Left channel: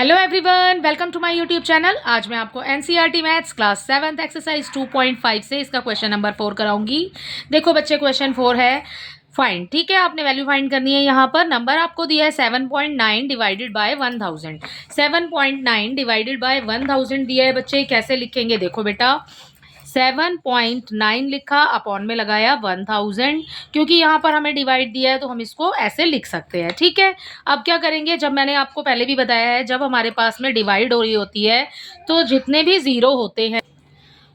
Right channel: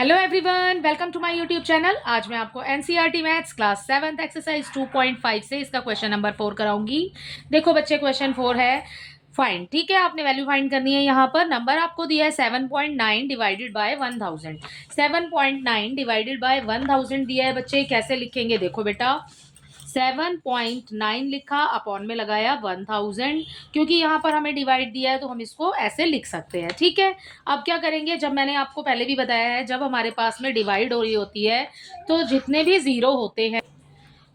Hello everyone, welcome to my YouTube channel. आज मैं आपको NCERT maths class 7th exercise 2.5 से इसका क्वेश्चन नंबर 4 कराऊंगी। देखो बच्चे, क्वेश्चन 4 है फाइंड। ठीक है, आपने वैल्यू फाइंड करनी है। यहाँ पर नंबर आपको दिया है 7.9 डिवाइडेड बाय 1000। 7.9 डिवाइडेड बाय 1000 दिया है बच्चे, कैसे लिखेंगे? देखो बेटा, 7.9 लिखा, अपॉन में लगाया 1000, क्योंकि यहाँ पर हमें डिवाइड दिया है तो हम इसको ऐसे लिख सकते हैं। ठीक है, अब क्या करेंगे, जब मैंने आपको पहले भी बताया है, जब हमारे पास में डिवाइड हो रही होती है तो जितने भी जीरो होते हैं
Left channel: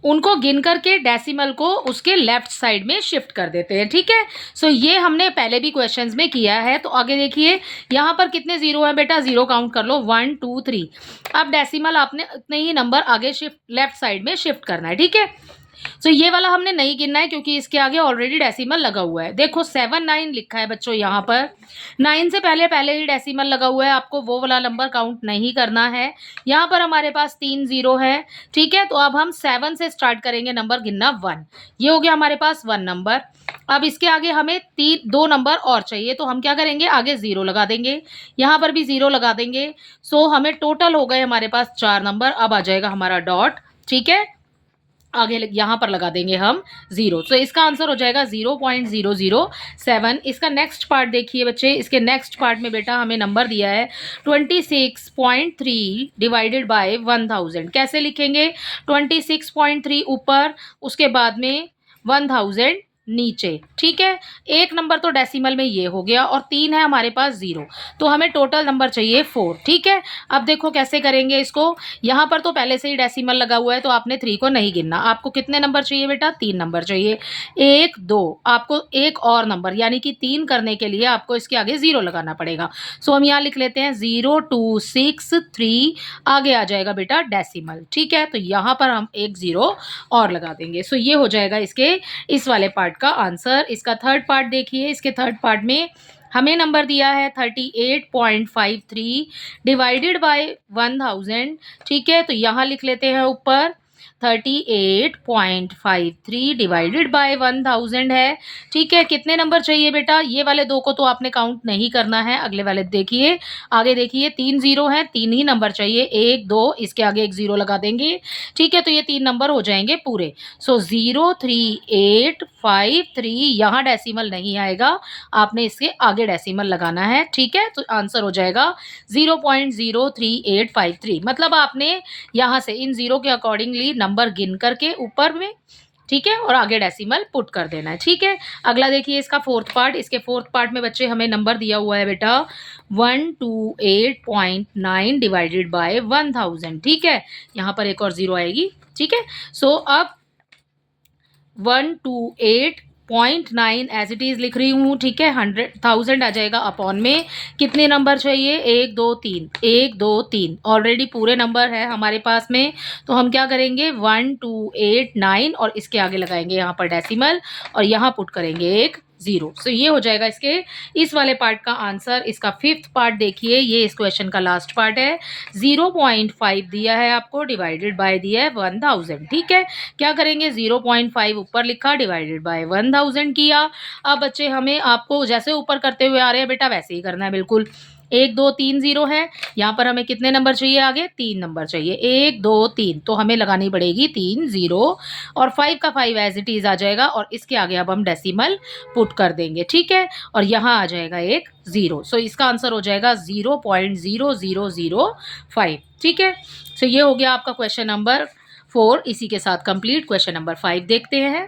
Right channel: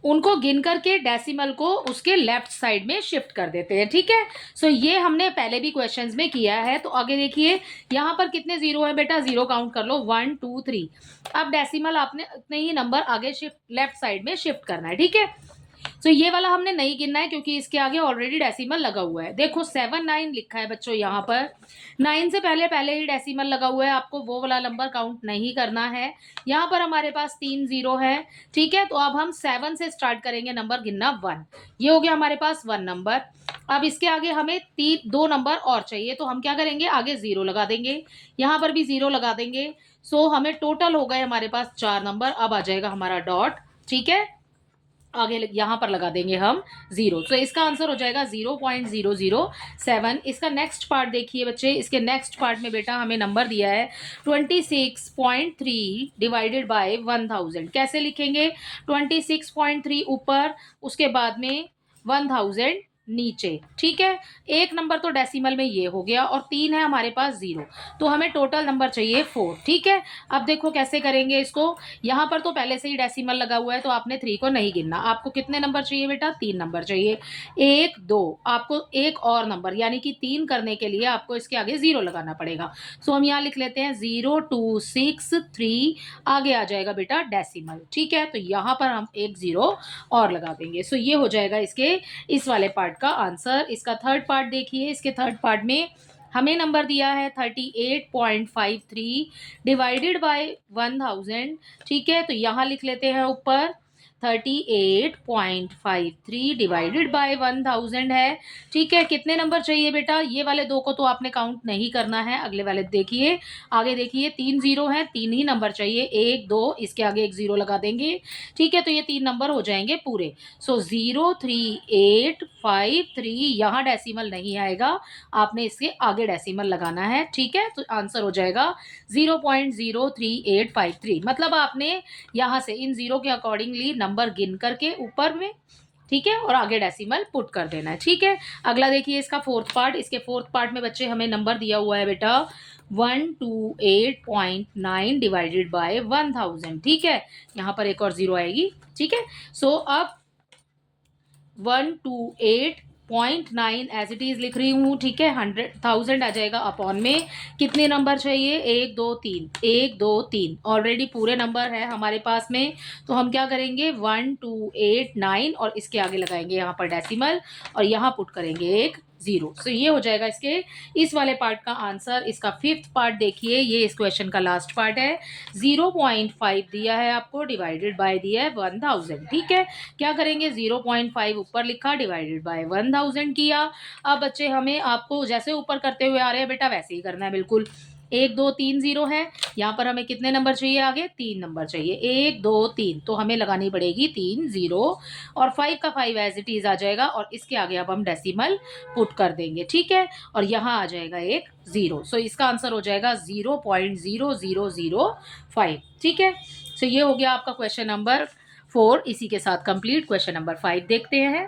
उनको गिन करके डेसिमल को उसके लेफ्ट साइड में शिफ्ट कर देते हैं। ठीक है, सो ये हमने पहले भी क्वेश्चंस में किया है। तो आगे देखिए, यहाँ पर कितने जीरो हैं बेटा? जीरो काउंट कर लो, 1 2 3। अब डेसिमल आपने उतने ही नंबर आगे शिफ्ट लेफ्ट साइड में शिफ्ट करना है। ठीक है, सो ये वाला हमने नहीं गिनना है क्योंकि इसके आगे ऑलरेडी डेसिमल लगा हुआ है। देखो 7 9 लिखा है बच्चों, यहाँ पर 9 से पहले पहले ही डेसिमल लगा हुआ है, आपको वो वाला नंबर काउंट नहीं करना है। यहाँ पर हमारे पास 3 जीरो है। ठीक है, तो अब हम 7 से स्टार्ट करेंगे नंबर गिनना 1। ये हो गया हमारे पास 1 नंबर। अब इसके आगे हमें 2 नंबर और चाहिए, तो हम क्या करेंगे, आगे जीरो लगा देंगे, यहाँ पर भी जीरो लगा देंगे। सो हमें टोटल हो गए हमारे पास 4 नंबर। अब आ जाएगा हमारा डॉट। ठीक है, आगे यहाँ पर लगा देंगे हम जीरो। तो इसका आंसर हो जाएगा 0.007। इसका नेक्स्ट पार्ट देखिए बच्चे, इसके नेक्स्ट पार्ट में बेटा हमें नंबर दिया है 26.3 डिवाइडेड बाय 1000। कैसे लिखेंगे? 26.3 ऊपर, उसके बाद में 1000 नीचे। ठीक है, एक नंबर तो डेसिमल में ये हो गया और 3 है हमारे पास जीरो, तो हमें टोटल नंबर चाहिए 4। ठीक है, अब देखो कैसे करेंगे इसको। यहाँ पर तो पहले से ही डेसिमल लगा हुआ है तो आपने 3 को नहीं गिनना। आपको कितने नंबर चाहिए बेटा? 3 नंबर चाहिए। 1 2, आपको एक और नंबर यानी कि 3 करने के लिए आपको इसके आगे जीरो लगाना पड़ेगा। सो हम यहाँ लिख लेते हैं 0263, आगे आ जाएगा बेटा डेसिमल। ठीक है, तो यहाँ पर हम एक जीरो और लगा देंगे। सो ये हो जाएगा इसके इस वाले पार्ट का आंसर। इसका थर्ड पार्ट देखिए, इसके थर्ड पार्ट में हमें नंबर दिया है 38.53 डिवाइडेड बाय 1000। ठीक है, तो यहाँ लिख लेते हैं ऊपर 38.53 डिवाइडेड बाय 1000 है। ठीक है, कितने नंबर चाहिए बेटा? ये वाले दो को तो आपने काउंट नहीं करना है, अगले वाले देखिए, आगे देखिए 3 जीरो हैं, 3 ही नंबर चाहिए। 1 2, इसके आगे एक जीरो लगा देंगे। ठीक है, तो ये 3 नंबर हो जाएंगे पूरे। सो 03853, यहाँ डेसिमल नहीं आएगा, आपने इसके आगे डेसिमल लगाना है। ठीक है, तो आंसर हो जाएगा 0.03853। मतलब आपने यहाँ से इन जीरो के अकॉर्डिंगली नंबर गिन करके ऊपर में, ठीक है, और आगे डेसिमल पुट कर देना है। ठीक है, अगला देखिए इसका फोर्थ पार्ट। इसके फोर्थ पार्ट में बच्चे हमें नंबर दिया हुआ है बेटा 128.9 डिवाइडेड बाय 1000। ठीक है, यहाँ पर एक और जीरो आएगी। ठीक है, सो अब 128.9 एज इट इज लिख रही हूँ। ठीक है, 100,000 आ जाएगा अपॉन में कितने नंबर चाहिए? 1 2 3, 1 2 3, ऑलरेडी पूरे नंबर है हमारे पास में। तो हम क्या करेंगे, 1289 और इसके आगे लगाएंगे यहाँ पर डेसिमल और यहाँ पुट करेंगे एक जीरो। सो ये हो जाएगा इसके इस वाले पार्ट का आंसर। इसका फिफ्थ पार्ट देखिए, ये इस क्वेश्चन का लास्ट पार्ट है। 0.5 दिया है आपको, डिवाइडेड बाय दिया है 1000। ठीक है, क्या करेंगे, 0.5 ऊपर लिखा, डिवाइडेड बाय 1000 किया। अब बच्चे हमें आपको जैसे ऊपर करते हुए आ रहे हैं बेटा वैसे ही करना है बिल्कुल। 1 2 3 जीरो है, यहाँ पर हमें कितने नंबर चाहिए? आगे 3 नंबर चाहिए। 1 2 3, तो हमें लगानी पड़ेगी 3 जीरो और 5 का 5 एज इट इज आ जाएगा और इसके आगे अब हम डेसिमल पुट कर देंगे। ठीक है, और यहाँ आ जाएगा एक जीरो। सो इसका आंसर हो जाएगा 0.0005। ठीक है, सो ये हो गया आपका क्वेश्चन नंबर 4। इसी के साथ कंप्लीट। क्वेश्चन नंबर 5 देखते हैं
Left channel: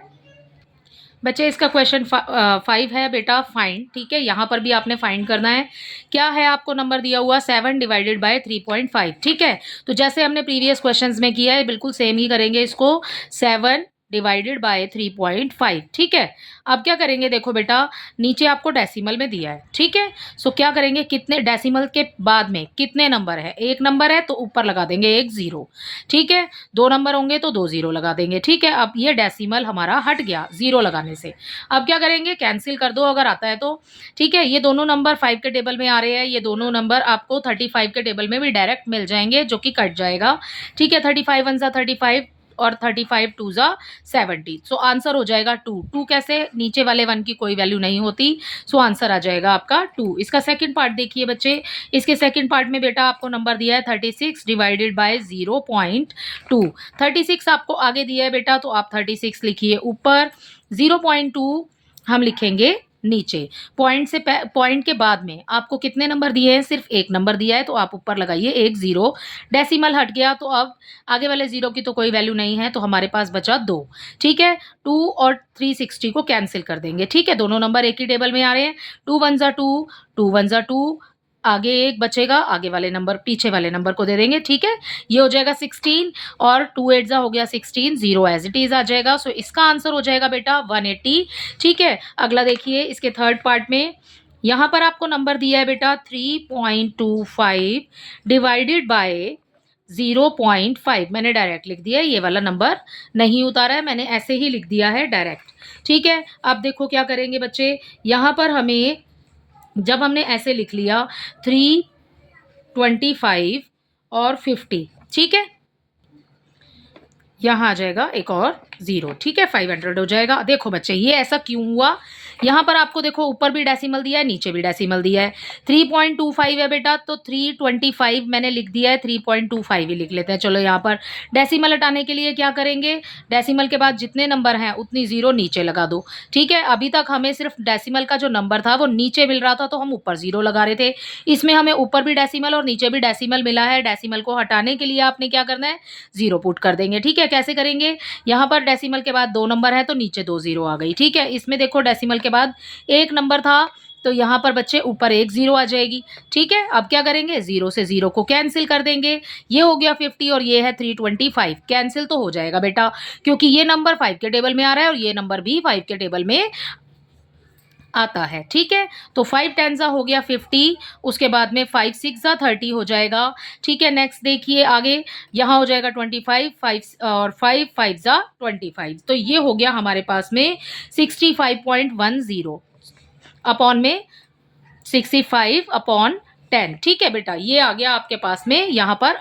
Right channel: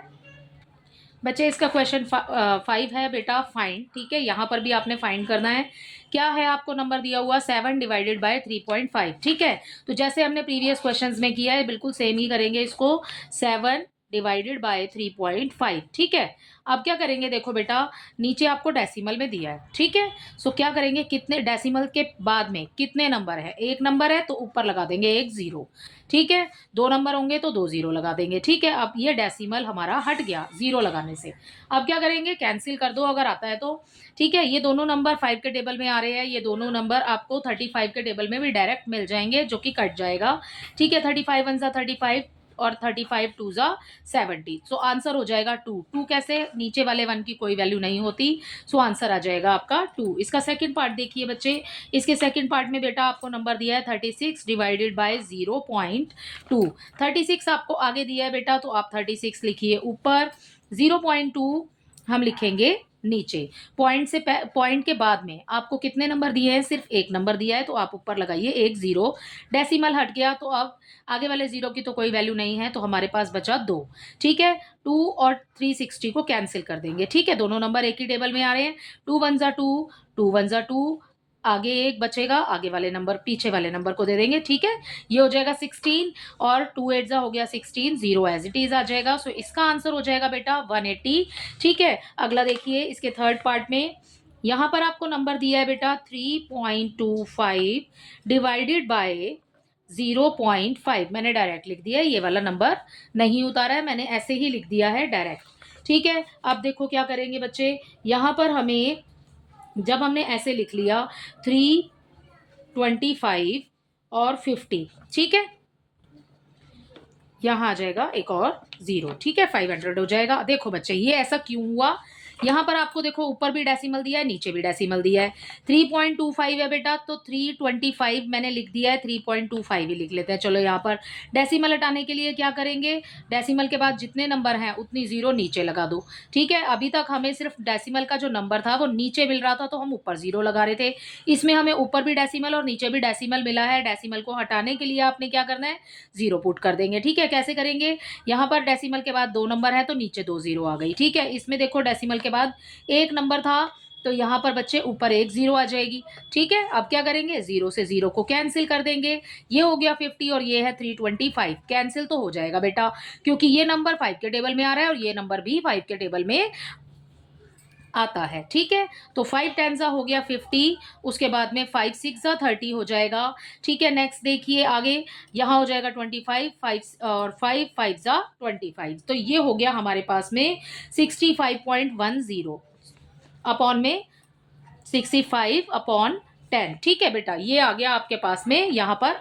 बच्चे। इसका क्वेश्चन 5 है बेटा फाइंड। ठीक है, यहाँ पर भी आपने फाइंड करना है। क्या है, आपको नंबर दिया हुआ 7 डिवाइडेड बाय 3.5। ठीक है, तो जैसे हमने प्रीवियस क्वेश्चंस में किया है बिल्कुल सेम ही करेंगे इसको। 7 डिवाइडेड बाय 3.5। ठीक है, अब क्या करेंगे, देखो बेटा नीचे आपको डेसिमल में दिया है। ठीक है, सो क्या करेंगे, कितने डेसिमल के बाद में कितने नंबर है? एक नंबर है तो ऊपर लगा देंगे एक जीरो। ठीक है, 2 नंबर होंगे तो 2 जीरो लगा देंगे। ठीक है, अब ये डेसिमल हमारा हट गया जीरो लगाने से। अब क्या करेंगे, कैंसिल कर दो अगर आता है तो। ठीक है, ये दोनों नंबर 5 के टेबल में आ रहे हैं, ये दोनों नंबर आपको 35 के टेबल में भी डायरेक्ट मिल जाएंगे, जो कि कट जाएगा। ठीक है, 35 1 सा 35, और 35 टू ज़ा 70। सो आंसर हो जाएगा 2। 2 कैसे, नीचे वाले 1 की कोई वैल्यू नहीं होती, सो आंसर आ जाएगा आपका 2। इसका सेकंड पार्ट देखिए बच्चे, इसके सेकंड पार्ट में बेटा आपको नंबर दिया है 36 डिवाइडेड बाय 0.2। 36 आपको आगे दिया है बेटा, तो आप 36 लिखिए ऊपर, 0.2 हम लिखेंगे नीचे। पॉइंट के बाद में आपको कितने नंबर दिए हैं, सिर्फ एक नंबर दिया है, तो आप ऊपर लगाइए एक जीरो। डेसिमल हट गया तो अब आगे वाले जीरो की तो कोई वैल्यू नहीं है, तो हमारे पास बचा 2। ठीक है, 2 और 360 को कैंसिल कर देंगे। ठीक है, दोनों नंबर एक ही टेबल में आ रहे हैं। 2 1 ज़ा 2, 2 1 ज़ा 2, आगे एक बचेगा, आगे वाले नंबर पीछे वाले नंबर को दे देंगे। ठीक है, ये हो जाएगा 16 और 2 8 ज़ा हो गया 16, 0 एज इट इज आ जाएगा। सो इसका आंसर हो जाएगा बेटा 180। ठीक है, अगला देखिए इसके थर्ड पार्ट में, यहाँ पर आपको नंबर दिया है बेटा 3.25 डिवाइडेड बाय 0.5। मैंने डायरेक्ट लिख दिया है, ये वाला नंबर नहीं उतारा है, मैंने ऐसे ही लिख दिया है डायरेक्ट। ठीक है, अब देखो क्या करेंगे बच्चे, यहाँ पर हमें जब हमने ऐसे लिख लिया 325 और 50, ठीक है, यहाँ आ जाएगा एक और 0। ठीक है, 500 हो जाएगा। देखो बच्चे ये ऐसा क्यों हुआ, यहाँ पर आपको देखो ऊपर भी डेसिमल दिया है, नीचे भी डेसिमल दिया है। 3.25 है बेटा, तो 325 मैंने लिख दिया है, 3.25 ही लिख लेते हैं। चलो यहाँ पर डेसिमल हटाने के लिए क्या करेंगे, डेसिमल के बाद जितने नंबर हैं उतनी जीरो नीचे लगा दो। ठीक है, अभी तक हमें सिर्फ डेसिमल का जो नंबर था वो नीचे मिल रहा था, तो हम ऊपर जीरो लगा रहे थे। इसमें हमें ऊपर भी डेसिमल और नीचे भी डेसिमल मिला है। डेसिमल को हटाने के लिए आपने क्या करना है, जीरो पुट कर देंगे। ठीक है, कैसे करेंगे, यहाँ पर डेसिमल के बाद 2 नंबर है, तो नीचे 2 जीरो आ गई। ठीक है, इसमें देखो डेसिमल के बाद एक नंबर था, तो यहाँ पर बच्चे ऊपर एक जीरो आ जाएगी। ठीक है, अब क्या करेंगे, जीरो से जीरो को कैंसिल कर देंगे। ये हो गया 50 और ये है 325, कैंसिल तो हो जाएगा बेटा, क्योंकि ये नंबर 5 के टेबल में आ रहा है और ये नंबर भी 5 के टेबल में आता है। ठीक है, तो 5 10 ज़ा हो गया 50, उसके बाद में 5 6 ज़ा 30 हो जाएगा। ठीक है, नेक्स्ट देखिए आगे, यहाँ हो जाएगा 25, 5 और 5 5 ज़ा 25, तो ये हो गया हमारे पास में 65.10 अपॉन में 65 अपॉन 10। ठीक है बेटा, ये आ गया आपके पास में यहाँ पर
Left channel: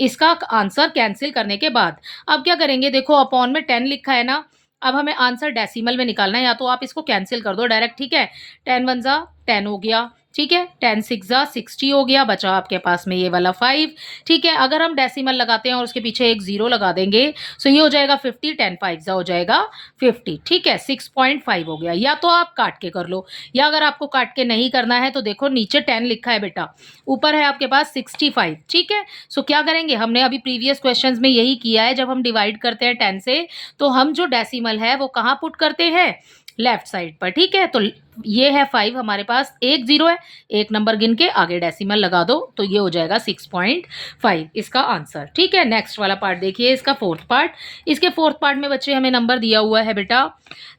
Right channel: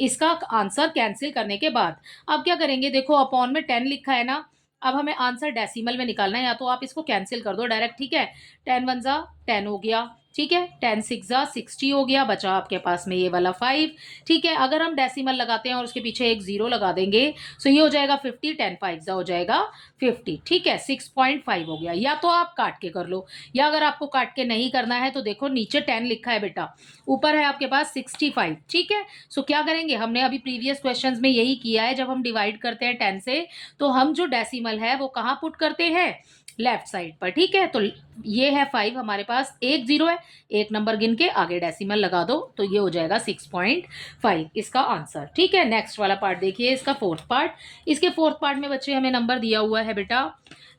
इसका आंसर कैंसिल करने के बाद। अब क्या करेंगे, देखो अपॉन में 10 लिखा है ना, अब हमें आंसर डेसिमल में निकालना है, या तो आप इसको कैंसिल कर दो डायरेक्ट। ठीक है, 10 1 ज़ा 10 हो गया। ठीक है, 10 6 ज़ा 60 हो गया, बचा आपके पास में ये वाला 5। ठीक है, अगर हम डेसिमल लगाते हैं और उसके पीछे एक जीरो लगा देंगे, सो ये हो जाएगा 50, 10 5 ज़ा हो जाएगा 50। ठीक है, 6.5 हो गया। या तो आप काट के कर लो, या अगर आपको काट के नहीं करना है तो देखो नीचे 10 लिखा है बेटा, ऊपर है आपके पास 65। ठीक है, सो क्या करेंगे, हमने अभी प्रीवियस क्वेश्चंस में यही किया है, जब हम डिवाइड करते हैं 10 से, तो हम जो डेसिमल है वो कहाँ पुट करते हैं, लेफ्ट साइड पर। ठीक है, तो ये है 5, हमारे पास एक जीरो है, एक नंबर गिन के आगे डेसिमल लगा दो, तो ये हो जाएगा 6.5 इसका आंसर। ठीक है, नेक्स्ट वाला पार्ट देखिए, इसका फोर्थ पार्ट। इसके फोर्थ पार्ट में बच्चे हमें नंबर दिया हुआ है बेटा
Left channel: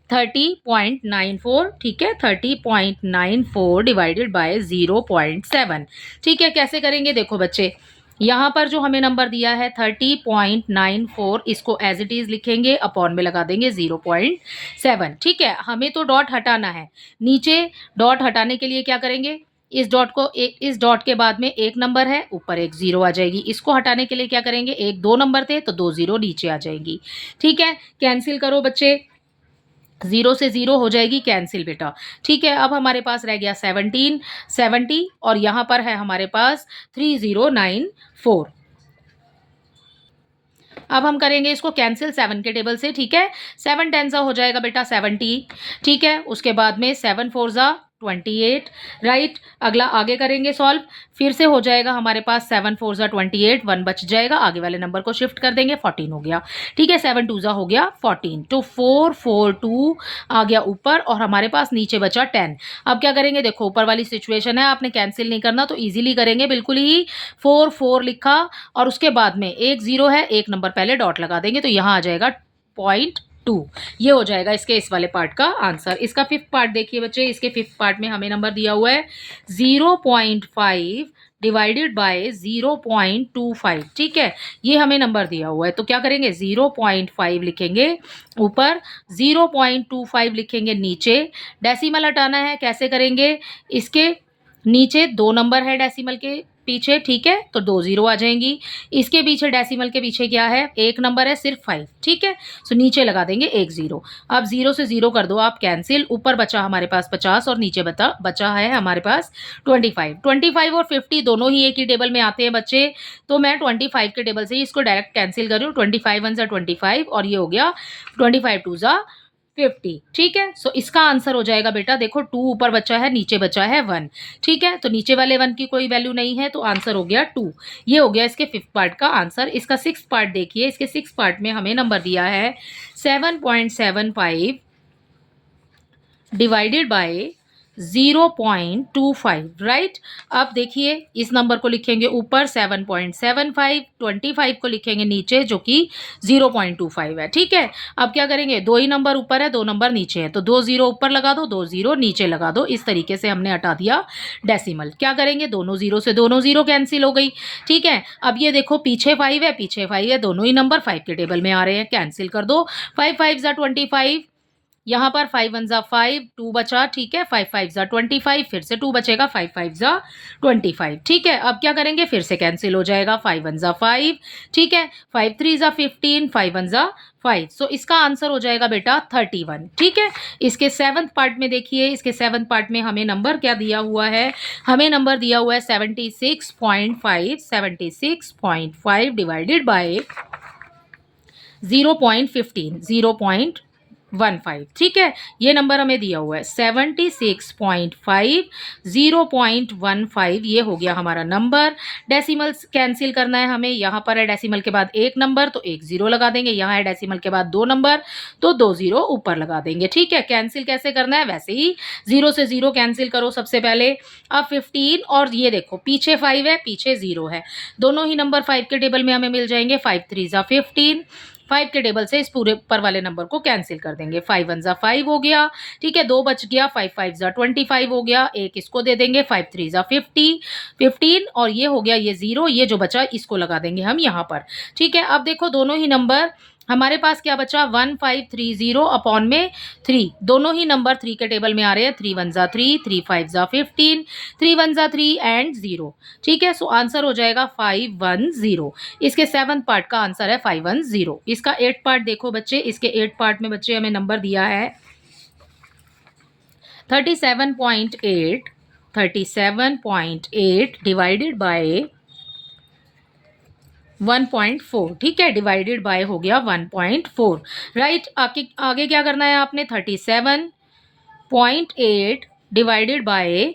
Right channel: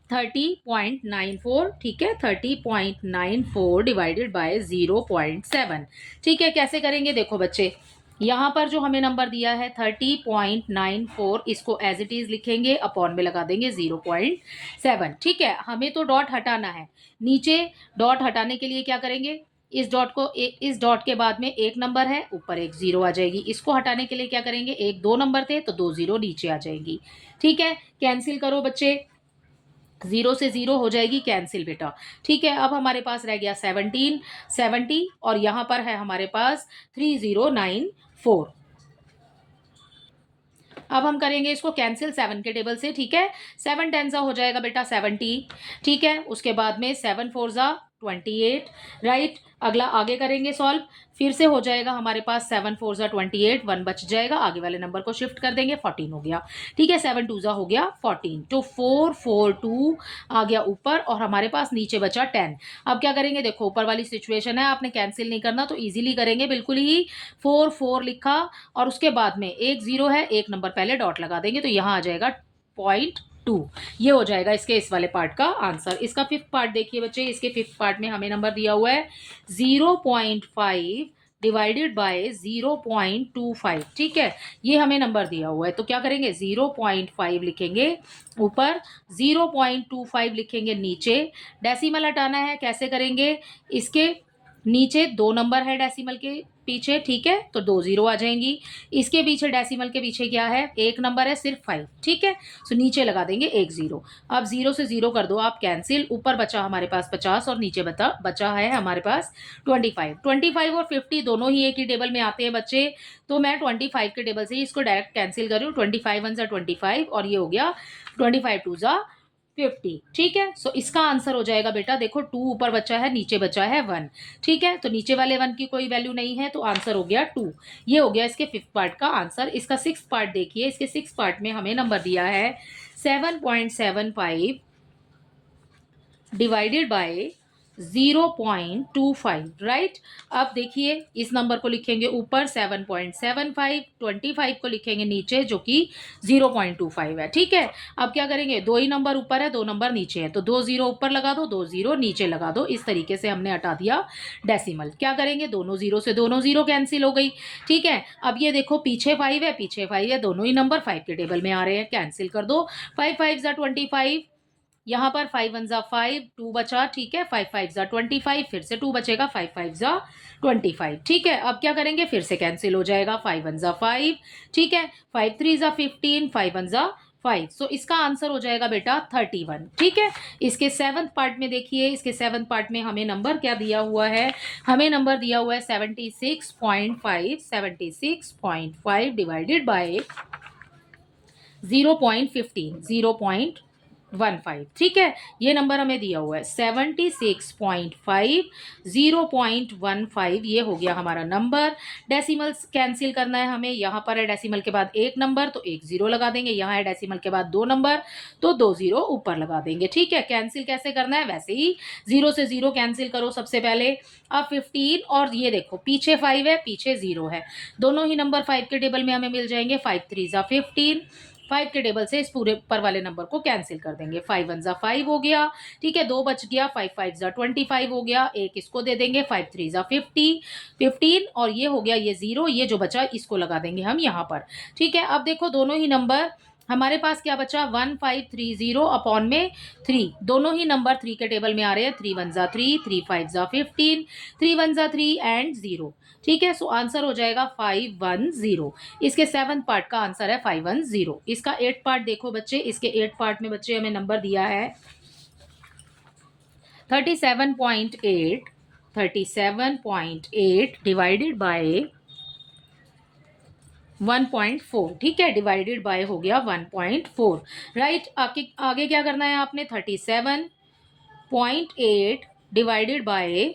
30.94। ठीक है, 30.94 डिवाइडेड बाय 0.7। ठीक है, कैसे करेंगे, देखो बच्चे यहाँ पर जो हमें नंबर दिया है 30.94, इसको एज इट इज लिखेंगे, अपॉन में लगा देंगे 0.7। ठीक है, हमें तो डॉट हटाना है, नीचे डॉट हटाने के लिए क्या करेंगे, इस डॉट को इस डॉट के बाद में एक नंबर है, ऊपर एक जीरो आ जाएगी। इसको हटाने के लिए क्या करेंगे, एक 2 नंबर थे तो 2 जीरो नीचे आ जाएगी। ठीक है, कैंसिल करो बच्चे, 0 से 0 हो जाएगी कैंसिल बेटा। ठीक है, अब हमारे पास रह गया 70 और यहाँ पर है हमारे पास 3094। अब हम करेंगे इसको कैंसिल 7 के टेबल से। ठीक है, 7 10 ज़ा हो जाएगा बेटा 70। ठीक है, उसके बाद में 7 4 ज़ा 28। राइट, अगला आगे करेंगे सॉल्व, फिर से हो जाएगा हमारे पास 7 4 ज़ा 28, 1 बच जाएगा, आगे वाले नंबर को शिफ्ट कर देंगे, 14 हो गया। ठीक है, 7 2 ज़ा हो गया 14, तो 4 4 2 आ गया ऊपर और हमारे पास नीचे बचा 10। अब क्या करेंगे, देखो ऊपर वाली सिचुएशन है, आपने कैंसिल नहीं करना तो ईजिली करेंगे, बिल्कुल ही 4 4 लिखा और उसके बाद में एक जीरो है, एक नंबर पहले डॉट लगा देंगे, तो यहाँ आ जाएगा 0.2। ये हो जाएगा इसके इस वाले पार्ट का आंसर। इसका फिफ्थ पार्ट देखिए बच्चे, इसके फिफ्थ पार्ट में हमें नंबर दिया हुआ है 0.5 डिवाइडेड बाय 0.25। ठीक है, ये हमें नंबर दिया हुआ है, तो क्या करेंगे 0.5 लिखेंगे ऊपर, 0.25 लिखेंगे नीचे। डेसिमल हटाना है, कैसे करेंगे, इसके नीचे 2 नंबर है डेसिमल के, पीछे, ठीक है, तो 2 ज़ीरो आ जाएंगी। इसके पीछे डेसिमल के पीछे क्या है, एक नंबर है सिर्फ 5, ठीक है। सो नीचे लगा देंगे एक ज़ीरो। अब 0 से 0 कर दो आप कैंसिल, ऊपर बचा हमारे पास 50 और नीचे बचा है हमारे पास 25। 25 और 50 दोनों ही एक ही टेबल में आते हैं बच्चे, तो मैं 25 के टेबल से ही इसको डायरेक्ट कैंसिल कर रही हूँ। 25 वन ज़ा 25 और ये हो गया 25 टू ज़ा 50, ठीक है। सो इसका आंसर हो जाएगा बेटा, देखो 2 ऊपर बचा है, नीचे बचा है 1, ठीक है। तो नीचे वाले 1 की कोई वैल्यू नहीं है, तो आंसर हो गया 2। ये हो गया इसके 5th पार्ट का आंसर। इसका 6th पार्ट देखिए, इसके 6th पार्ट में हमें नंबर दिया है 7.75 डिवाइडेड बाय 0.25, राइट। अब देखिए इस नंबर को लिखेंगे ऊपर 7.75, 25 को लिखेंगे नीचे जो कि 0.25 है, ठीक है। अब क्या करेंगे, 2 ही नंबर ऊपर है, 2 नंबर नीचे है, तो 2 ज़ीरो ऊपर लगा दो, 2 ज़ीरो नीचे लगा दो। इस तरीके से हमने हटा दिया डेसिमल। क्या करेंगे, दोनों ज़ीरो से दोनों ज़ीरो कैंसिल हो गई, ठीक है। अब ये देखो पीछे 5 है, पीछे 5 है, दोनों ही नंबर 5 के टेबल में आ रहे हैं, कैंसिल कर दो। 5 5 ज़ा 25, यहाँ पर 5 वन ज़ा 5, 2 बचा, ठीक है। 5 5 ज़ा 25, फिर से 2 बचेगा, 5 5 ज़ा 25, ठीक है। अब क्या करेंगे, फिर से कैंसिल हो जाएगा, 5 वन ज़ा 5, ठीक है। 5 3 ज़ा 15, 5 वन ज़ा 5। सो इसका आंसर हो जाएगा बेटा 31, ठीक है। इसके 7th पार्ट में देखिए, इसके 7th पार्ट में हमें नंबर क्या दिया हुआ है, हमें नंबर दिया हुआ है 76.5, 76.5 डिवाइडेड बाय 0.15, 0.15, ठीक है। ये नंबर हमें दिया हुआ है 76.5, 0.15, ये हो गया हमारा नंबर। डेसिमल्स कैंसिल करना है हमें, यहाँ पर है डेसिमल के बाद एक नंबर तो एक ज़ीरो लगा देंगे, यहाँ है डेसिमल के बाद 2 नंबर तो 2 ज़ीरो ऊपर लगा देंगे, ठीक है। कैंसिल कैसे करना है, वैसे ही 0 से 0 कैंसिल करो सबसे पहले। अब 15 और ये देखो पीछे 5 है, पीछे 0 है, दोनों ही नंबर 5 के टेबल में हमें मिल जाएंगे। 5 3 ज़ा 15, 5 के टेबल से इस पूरे ऊपर वाले नंबर को कैंसिल कर देंगे। 5 वन ज़ा 5 हो गया, ठीक है, 2 बच गया। 5 5 ज़ा 25 हो गया, एक इसको दे देंगे। 5 3 ज़ा 50, 15 और ये हो गया ये 0, ये जो बचा इसको लगा देंगे हम यहाँ पर, ठीक है। अब देखो दोनों ही नंबर हमारे पास क्या बचा, 1530 अपॉन में 3, दोनों ही नंबर 3 के टेबल में आ रहे हैं। 3 वन ज़ा 3, 3 5 ज़ा 15, 3 वन ज़ा 3 एंड 0, ठीक है। सो आंसर हो जाएगा 510। इसके 7th पार्ट का आंसर है 510। इसका 8th पार्ट देखो बच्चे, इसके 8th पार्ट में बच्चे हमें नंबर दिया है 37.8, 37.8 डिवाइडेड बाय 1.4, ठीक है, डिवाइडेड बाय हो गया 1.4, राइट। आगे आगे क्या करना है आपने, 37.8 डिवाइडेड बाय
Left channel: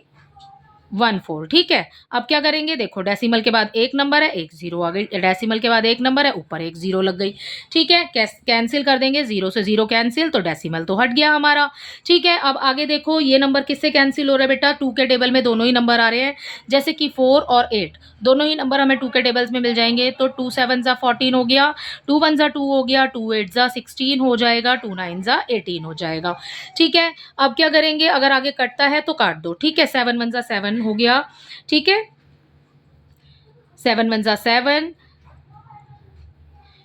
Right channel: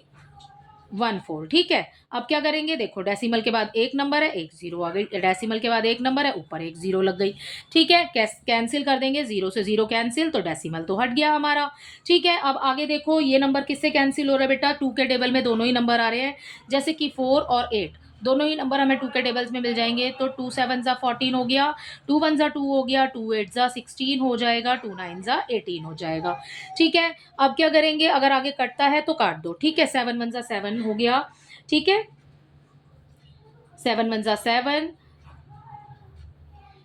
14, ठीक है। अब क्या करेंगे, देखो डेसिमल के बाद एक नंबर है, एक 0 आ गई, डेसिमल के बाद एक नंबर है, ऊपर एक 0 लग गई, ठीक है। कैंसिल कर देंगे, 0 से 0 कैंसिल, तो डेसिमल तो हट गया हमारा, ठीक है। अब आगे देखो ये नंबर किससे कैंसिल हो रहा है बेटा, 2 के टेबल में दोनों ही नंबर आ रहे हैं, जैसे कि 4 और 8, दोनों ही नंबर हमें 2 के टेबल्स में मिल जाएंगे। तो 2 7 ज़ा 14 हो गया, 2 1 ज़ा 2 हो गया, 2 8 ज़ा 16 हो जाएगा, 2 9 ज़ा 18 हो जाएगा, ठीक है। अब क्या करेंगे, अगर आगे कटता है तो काट दो, ठीक है। 7 1 ज़ा 7 हो गया, ठीक है, 7 1 ज़ा 7,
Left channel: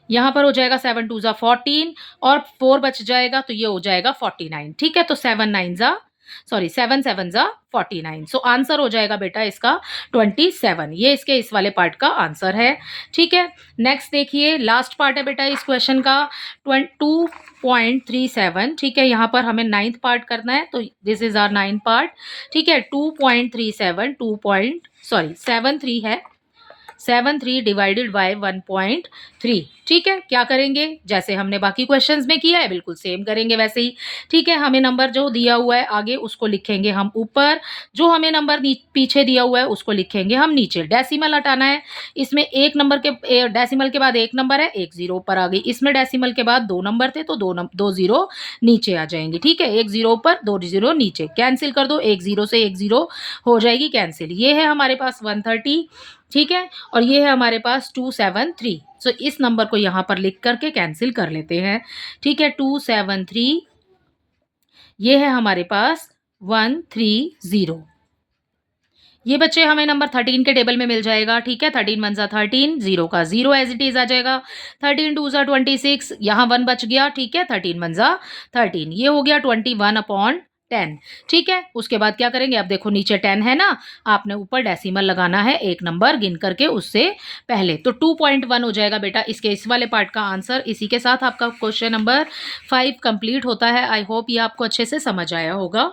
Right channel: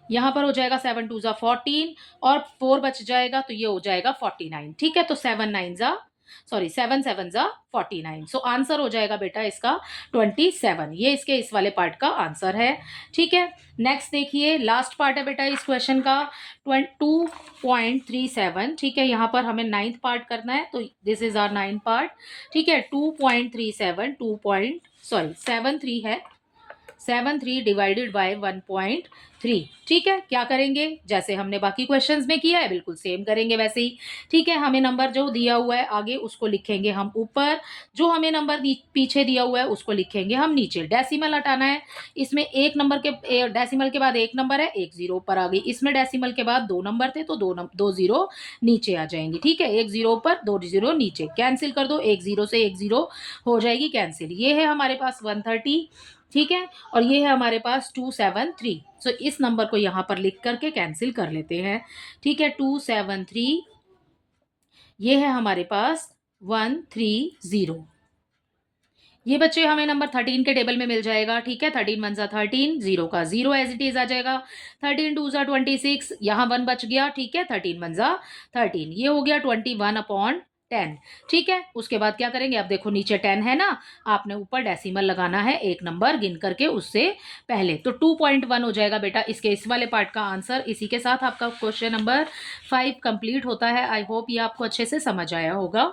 यहाँ पर हो जाएगा 7 2 ज़ा 14 और 4 बच जाएगा तो ये हो जाएगा 49, ठीक है। तो 7 9 ज़ा 7 7 ज़ा 49। सो आंसर हो जाएगा बेटा इसका 27। ये इसके इस वाले पार्ट का आंसर है, ठीक है। नेक्स्ट देखिए, लास्ट पार्ट है बेटा इस क्वेश्चन का 2.37, ठीक है। यहाँ पर हमें 9th पार्ट करना है, तो this is our 9th part, ठीक है। 2.37 73 है, 73 डिवाइडेड बाय 1.3, ठीक है। क्या करेंगे, जैसे हमने बाकी क्वेश्चंस में किया है बिल्कुल सेम करेंगे वैसे ही, ठीक है। हमें नंबर जो दिया हुआ है आगे उसको लिखेंगे हम ऊपर, जो हमें नंबर पीछे दिया हुआ है उसको लिखेंगे हम नीचे। डेसिमल हटाना है, इसमें एक नंबर के डेसिमल के बाद एक नंबर है, एक 0 ऊपर आ गई। इसमें डेसिमल के बाद 2 नंबर थे तो 2 0 नीचे आ जाएंगे, ठीक है। एक 0 ऊपर, 2 0 नीचे, कैंसिल कर दो, एक 0 से एक 0 हो जाएगी कैंसिल। ये है हमारे पास 130, ठीक है, और ये है हमारे पास 273। सो इस नंबर को यहाँ पर लिख करके कैंसिल कर लेते हैं, ठीक है। 273, ये है हमारे पास 130। ये बच्चे हमें नंबर 13 के टेबल में मिल जाएगा, ठीक है। 13 1 ज़ा 13, 0 का 0 एज इट इज आ जाएगा। 13 2 ज़ा 26, यहाँ 1 बच गया, ठीक है। 13 1 ज़ा 13, ये हो गया 21 अपॉन 10। ठीक है, उसके बाद क्या करेंगे, अब देखो नीचे 10 है ना, आपने ऊपर डेसिमल लगाना है एक नंबर गिन करके उससे पहले, तो 2.1 हो जाएगा बेटा इसके इस वाले पार्ट का आंसर। इसी के साथ आपका क्वेश्चन नंबर 5 कंप्लीट होता है। आई होप ये आपको अच्छे से समझ आया होगा।